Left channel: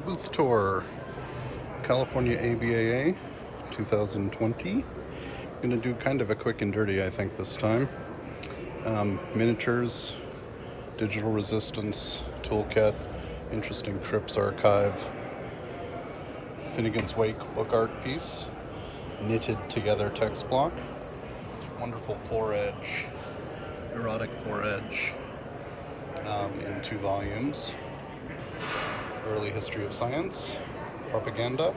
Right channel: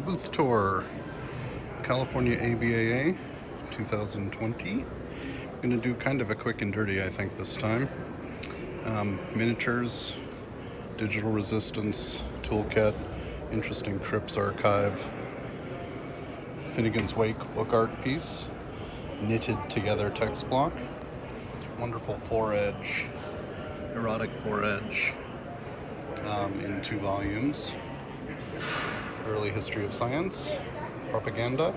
booth tour, California ABAA 2020. Gonna do kind of a quick and dirty, I think, this time. Miniatures, digital resistance, toolkit, interesting trips archive, Finnegan's Wake book art piece, knitted together text block, wonderful 4-edge, erotic 4-edge in 2 volumes, early history of science, propaganda.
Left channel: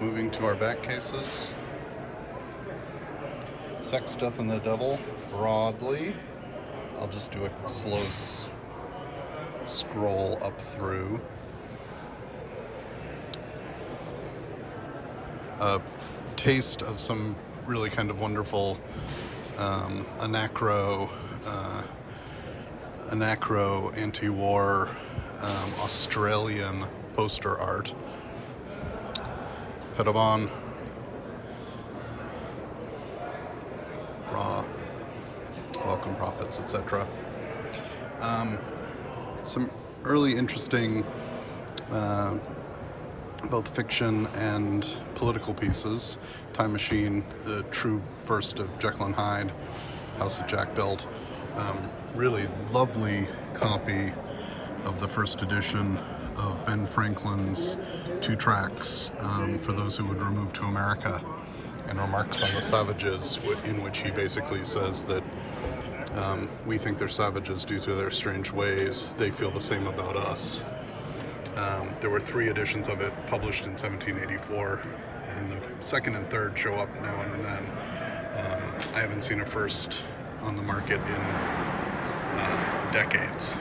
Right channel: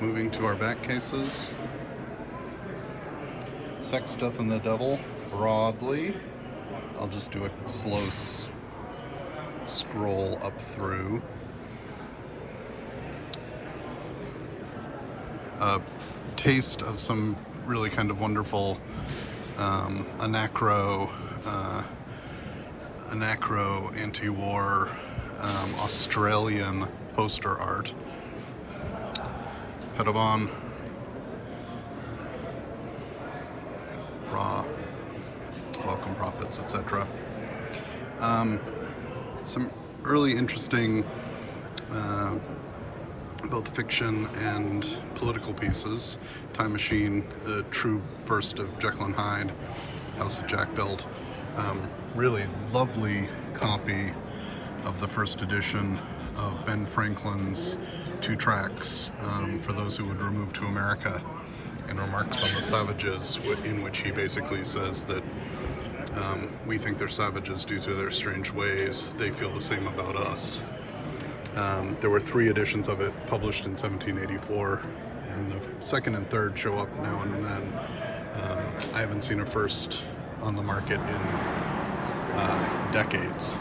Moving to our back cases, Sex, Death, and the Devil, broadly. I'll just do a slow scroll up through. A taste of some really kind of wonderful anacro anti-war Australian poster art. Pasadena, raw, welcome prophets, etc. Some early interesting both fiction and political pieces. Time Machine, the true first of Jekyll and Hyde, House of Jack built. Really lovely copy of the first edition of Ben Franklin's 2 tracts, For Those Who Would Remove to America, and Remarks on the Savages, in which he basically says that we think they're savages due to their strange ways. They feel the same about us. There were 3 editions of it published in 1784, and the second and third show up now and then. I haven't seen a first on the market in decades.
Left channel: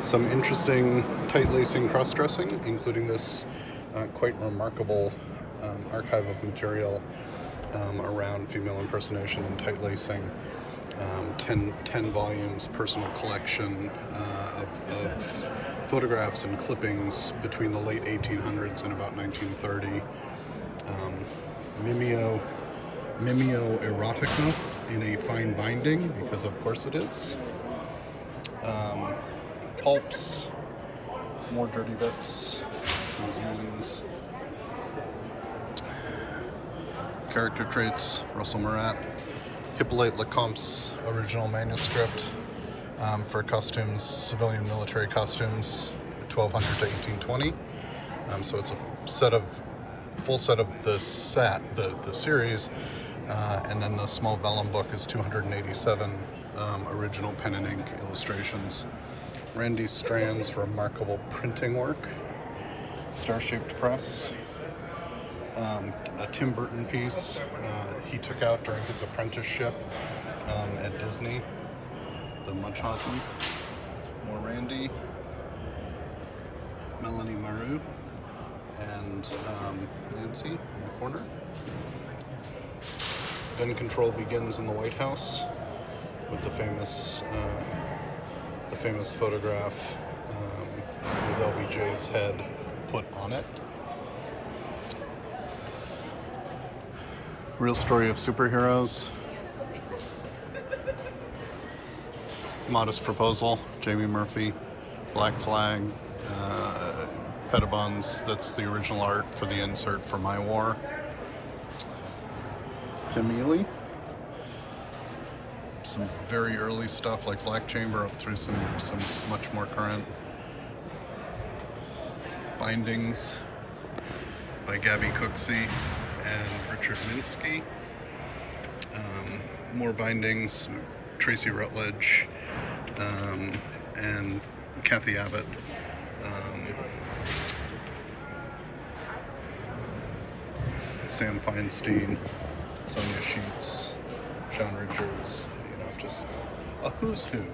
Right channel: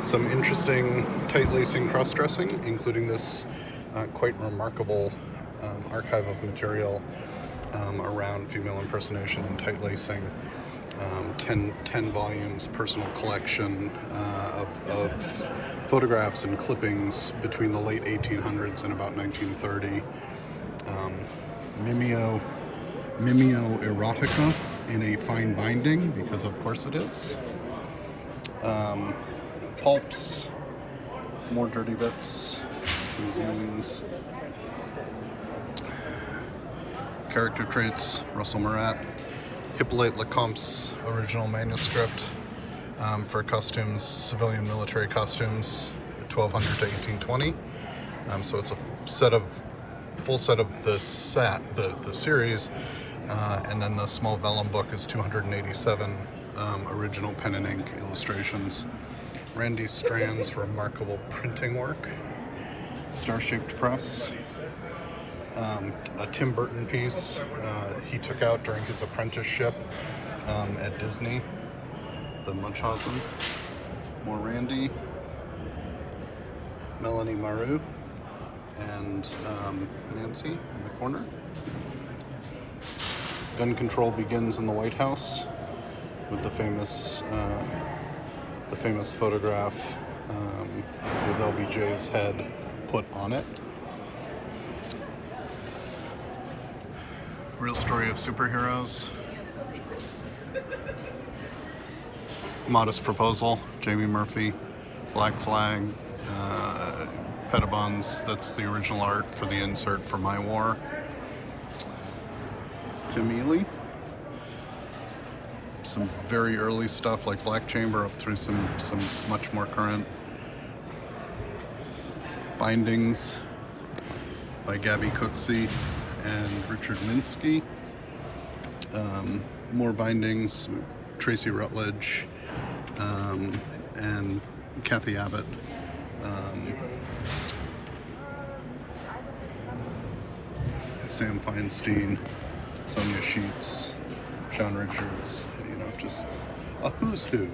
Some interesting tight-lacing cross-dressing, including this quite remarkable archive of material around female impersonation and tight-lacing. 10 volumes personal collection of photographs and clippings between the late 1800s and about 1930. Mimeo erotica in a fine binding, because of course it is. Pulps, more dirty bits, some zines. Character traits, Russell Murat. Hippolyte Lecomte's original manuscript for costumes, civilian military costumes, 1200 to 1820. So it's a full set of the series, and then the small vellum book is 287 original pen and ink illustrations. Randy Strand's remarkable printing work, Star-Shaped Press. A Tim Burton piece he took out during his apprenticeship at Disney, the Munchausen. More Randy, Melanie Maru, and Nancy in the corner. Gun control begins in the White House with the famous photograph with LBJ's head put on it. Real Story of Superheroes, Modest Proposal, Jamie Murphy, Black Flag, Pettibons, that's the original art for the insert for My War. Tim Ely, some very early stuff like Black Chamber up through some much more current bindings by Gabby Cooksey and Richard Minsky. More bindings, Tracy Rutledge and Kathy Abbott. Sam Feinstein, Sonia Sheets, Sean Richards, just a who's who.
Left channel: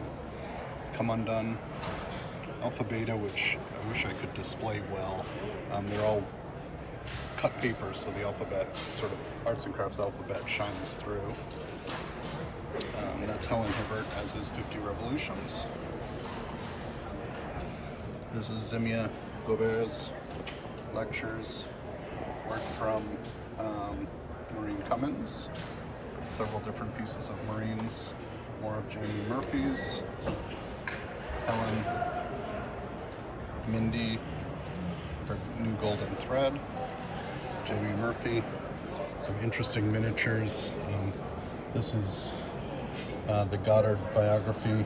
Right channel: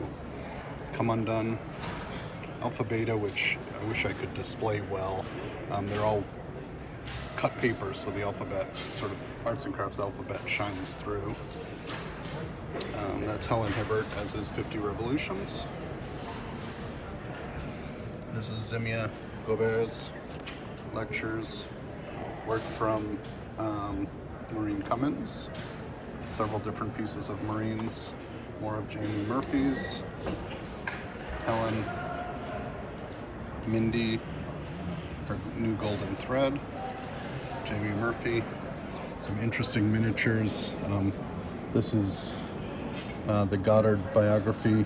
Come Undone, Alpha Beta, which I wish I could display well. They're all cut paper, so the alphabet, sort of arts and crafts alphabet, shines through. That's Helen Hibbert, as is 50 Revolutions. This is Zemia Gaubert's lectures, work from Maureen Cummins, several different pieces of Maureen's, more of Jamie Murphy's. Helen, Mindy, her new golden thread, Jamie Murphy, some interesting miniatures. This is the Goddard biography,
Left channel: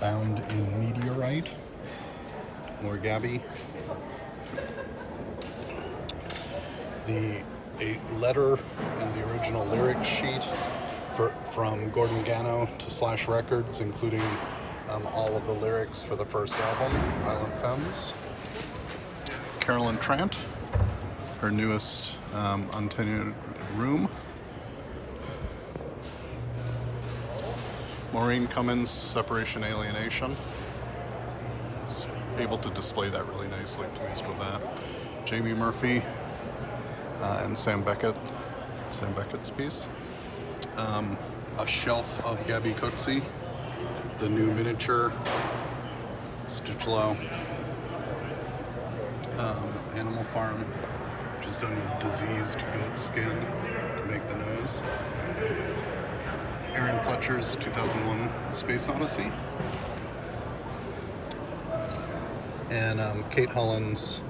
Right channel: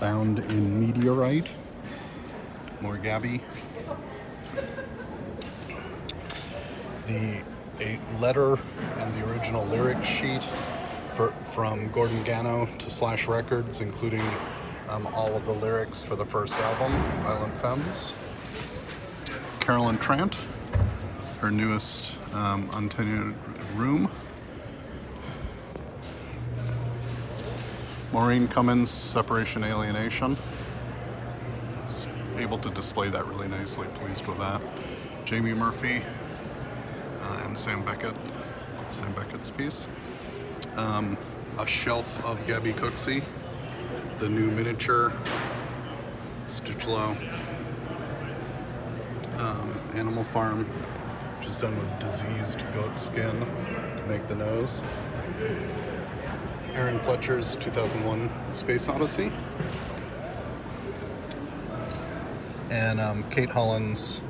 bound in meteorite. More Gabby. A letter and the original lyric sheet from Gordon Gano to Slash Records, including all of the lyrics for the first album, Violent Femmes. Carolyn Trant, her newest untenured room. Maureen Cummins, Separation Alienation. Was able to display that really nicely, pleased with that. Jamie Murphy and Sam Beckett's piece. A shelf of Gabby Cooksey, the new miniature, Stitchlow. Animal Farm, which is done with diseased goat skin to make the nose. Aaron Fletcher's 2001 Space Odyssey. And Kate Holland's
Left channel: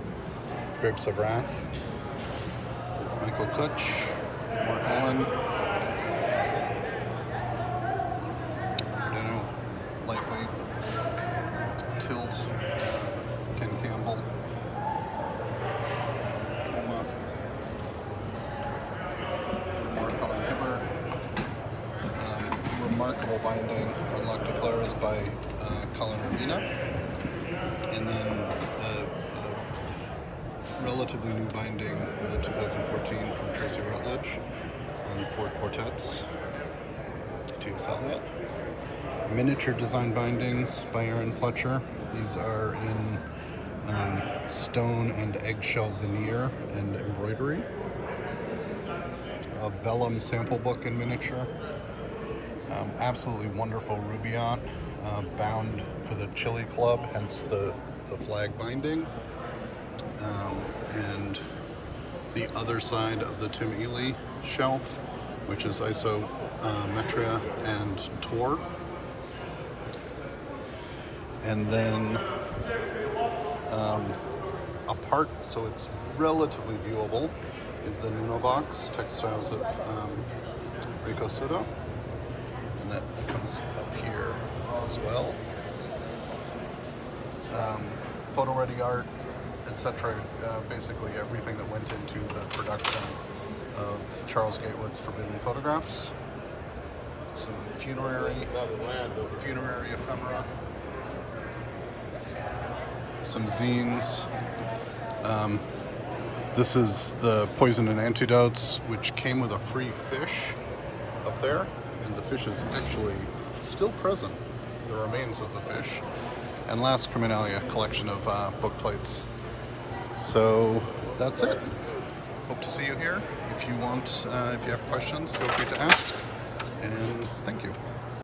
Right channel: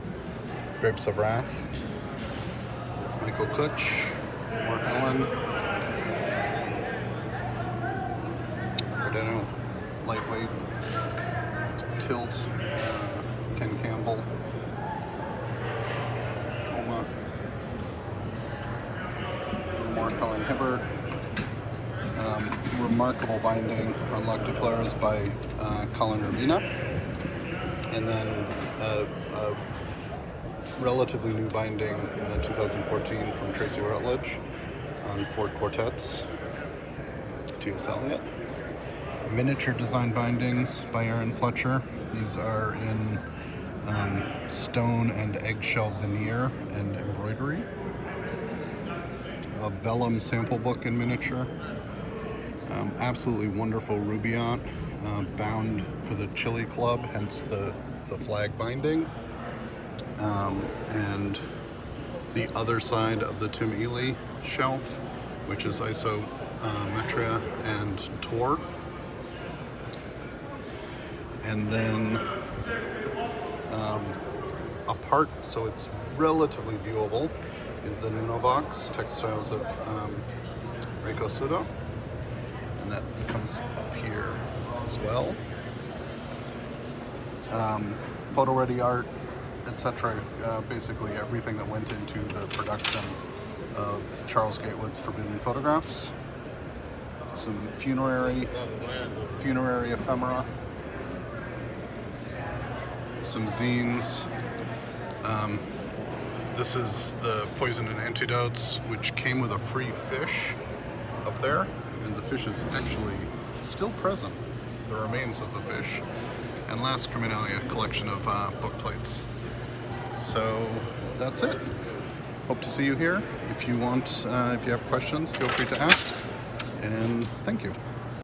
Grapes of Wrath. Michael Kutch, more Helen. Pasadena, lightweight. Tilt, Ken Campbell. Coma. More Helen Hibbert. Remarkable binding on Lactopleurs by Colin Urbina. And then a relatively new binding, 2014, from Tracy Rutledge on Ford Quartets, T.S. Eliot. Miniature design bindings by Aaron Fletcher. These are in stone and eggshell veneer and embroidery. A vellum sample book in miniature. Absolutely wonderful Rubaiyat, bound for the Chili Club, hence the flag binding. And the other side of the Tim Ely shelf, which is Isometria and Tor. And then apart, so it's relatively viewable, is the Nuno box, Textiles of Reiko Sudo. And that comes up here as well. Photo ready art, etc. Basically everything that went into the production of Charles Gatewood's Forbidden Photographs. Some funerary ephemera. Some zines. This is the Poison and Antidotes, which came with a free fish up there. And the fish is actually still present, the remains of the fish. And last, Criminalia, collection of book plates. So that's it. Hope to see you here. If you want, if you have questions, feel free to ask. And thank you.